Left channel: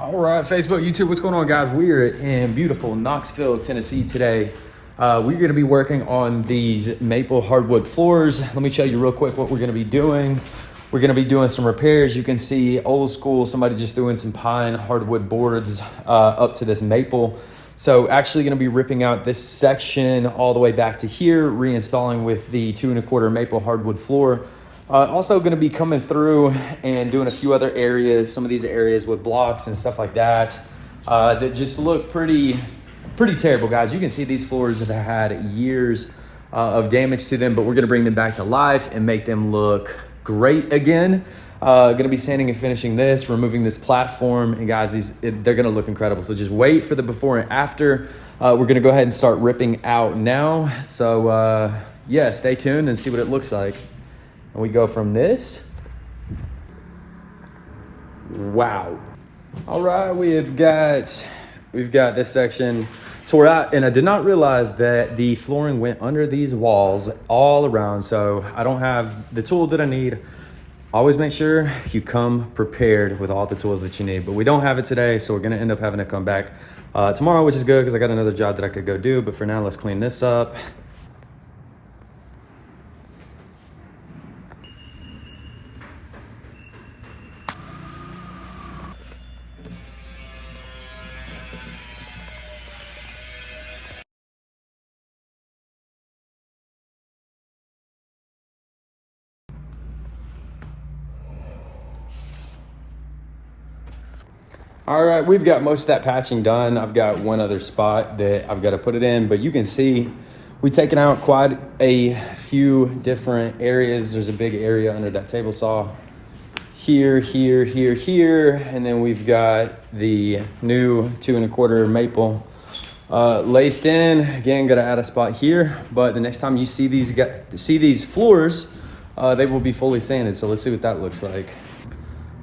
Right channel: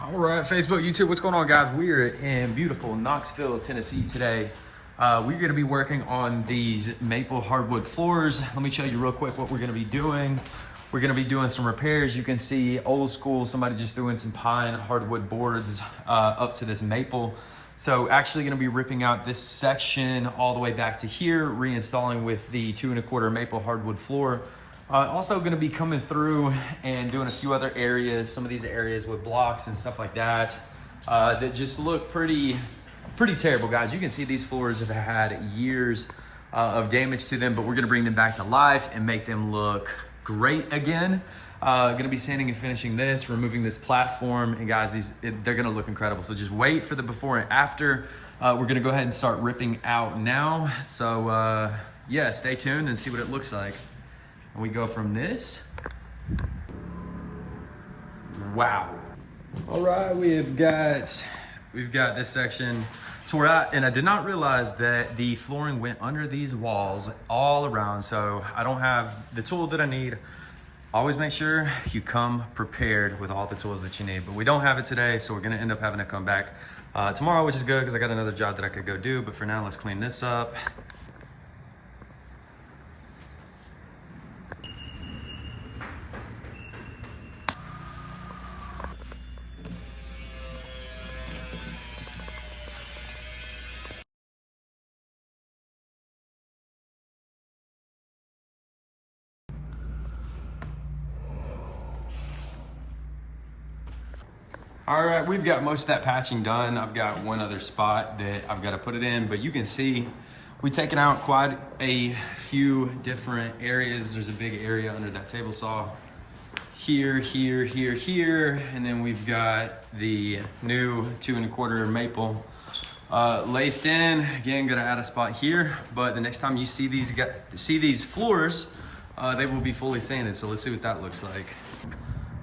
All right, Facebook, YouTube, what's going on, guys? We are in beautiful Knoxville, Tennessee today. We're going to be working on these maple hardwood floors. Let me show you real quick what we're going to be doing. We're going to be doing some repairs. You can see old school, somebody just doing some pine hardwood boards up to this maple. So actually going to be ripping out this section all the way back to here, reinstalling with the 2 1/4 maple hardwood floor. Also going to be coming through and doing a few other areas, some of these areas with blocks and stuff like that, that just look pretty terrible, guys. You can see these floors have had years of damage to them, but we're going to bring them back to life and make them look great again. Going to be sanding and finishing this, removing this platform, and guys, they're going to look incredible. So just wait for the before and after. We're going to go ahead and start ripping out now. So yeah, stay tuned and see what it looks like. And we go from this. Wow. All right, we've got this section tore out, and I did not realize that the flooring went under these walls all around. So I don't have the tool that I need. Always make sure you come prepared with all the tools that you need, but we don't have it today. So we're gonna end up having to come back tomorrow, which is good because I got another job that I could go do. But for now, let's clean this up. All right, we've got most of that patching done. I've got one other spot that I've got to put it in, but you can see we've taken out quite a few different areas. There's a big area under that table saw. Here, and then we've got the new 2 1/4 maple laced in. Again, got to add a spot here, but the next time you see these floors, they will be fully sanded. So let's see what that looks like.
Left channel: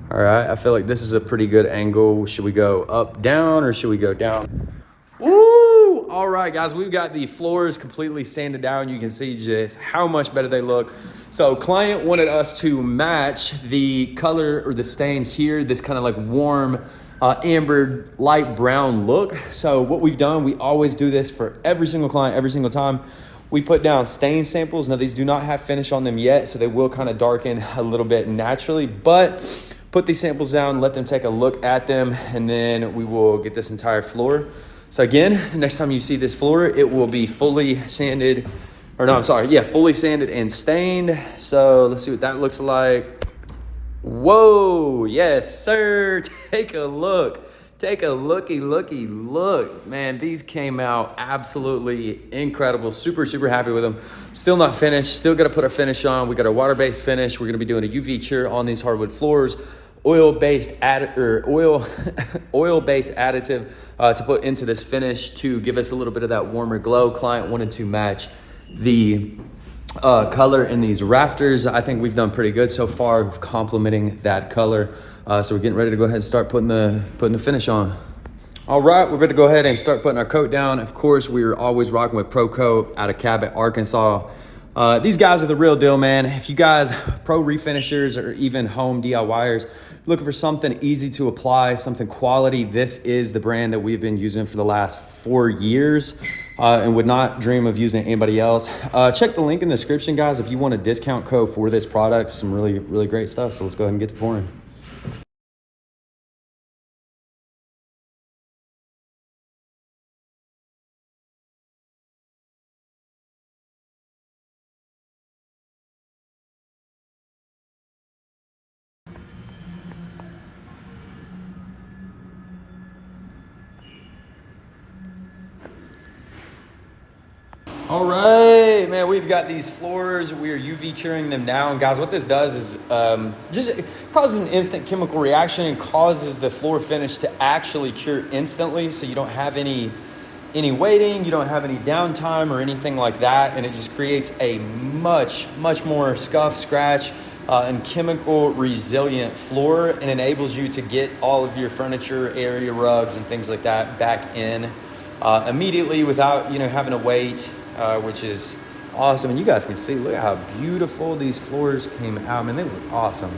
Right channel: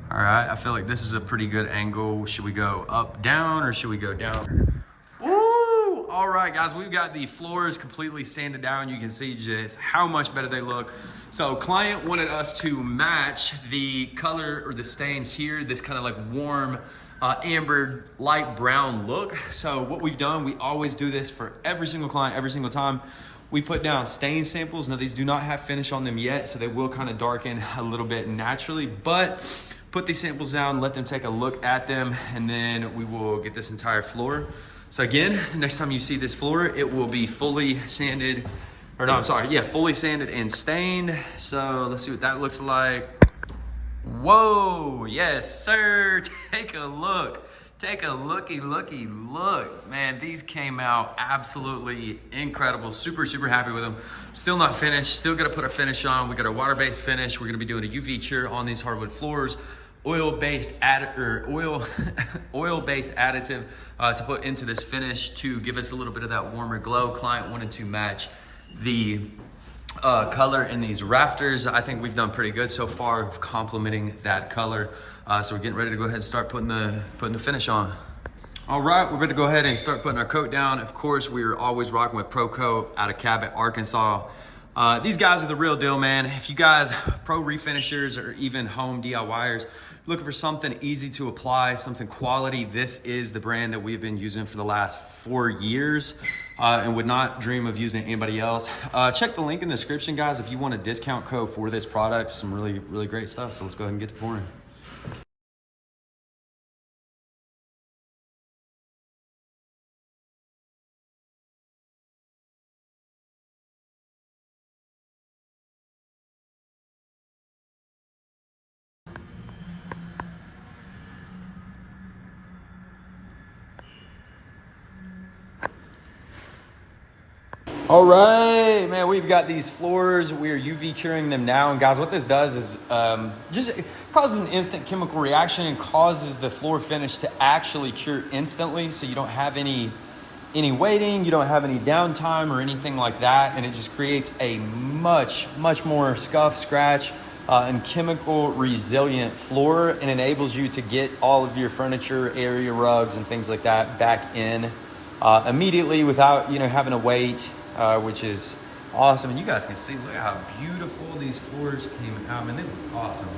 All right, I feel like this is a pretty good angle. Should we go up, down, or should we go down? Woo! All right, guys, we've got the floors completely sanded down. You can see just how much better they look. So client wanted us to match the color or the stain here, this kind of like warm, amber, light brown look. So what we've done, we always do this for every single client, every single time. We put down stain samples. Now, these do not have finish on them yet, so they will kind of darken a little bit naturally, but put these samples down, let them take a look at them, and then we will get this entire floor. So again, next time you see this floor, it will be fully sanded, or no, I'm sorry, yeah, fully sanded and stained. So let's see what that looks like. Whoa, yes, sir. Take a look. Take a looky look. Man, these came out absolutely incredible. Super happy with them. Still not finished. Still got to put a finish on. We got our water-based finish. We're going to be doing a UV cure on these hardwood floors. Oil-based additive to put into this finish to give us a little bit of that warmer glow. Client wanted to match the color in these rafters. I think we've done pretty good so far complementing that color. So we're getting ready to go ahead and start putting the finish on. All right, we're going to go ahead and start putting our coat down. Of course, we're always rocking with Pro Coat out of Cabot, Arkansas. These guys are the real deal, man. If you guys, pro refinishers or even home DIYers, looking for something easy to apply, something quality, this is the brand that we've been using for the last 4 years and would not dream of using anybody else. Check the link in the description, guys, if you want a discount code for this product. Some really great stuff. So let's go ahead and get to pouring. All right, man, we've got these floors. We are UV curing them now. And guys, what this does is just causes an instant chemical reaction and causes the floor finish to actually cure instantly. So you don't have any waiting, you don't have any downtime or anything like that. And it just creates a much more scuff, scratch, and chemical resilient floor, and enables you to get all of your furniture, area rugs, and things like that back in immediately without having to wait. Which is awesome. And you guys can see, look at how beautiful these floors came out. Man, they look awesome.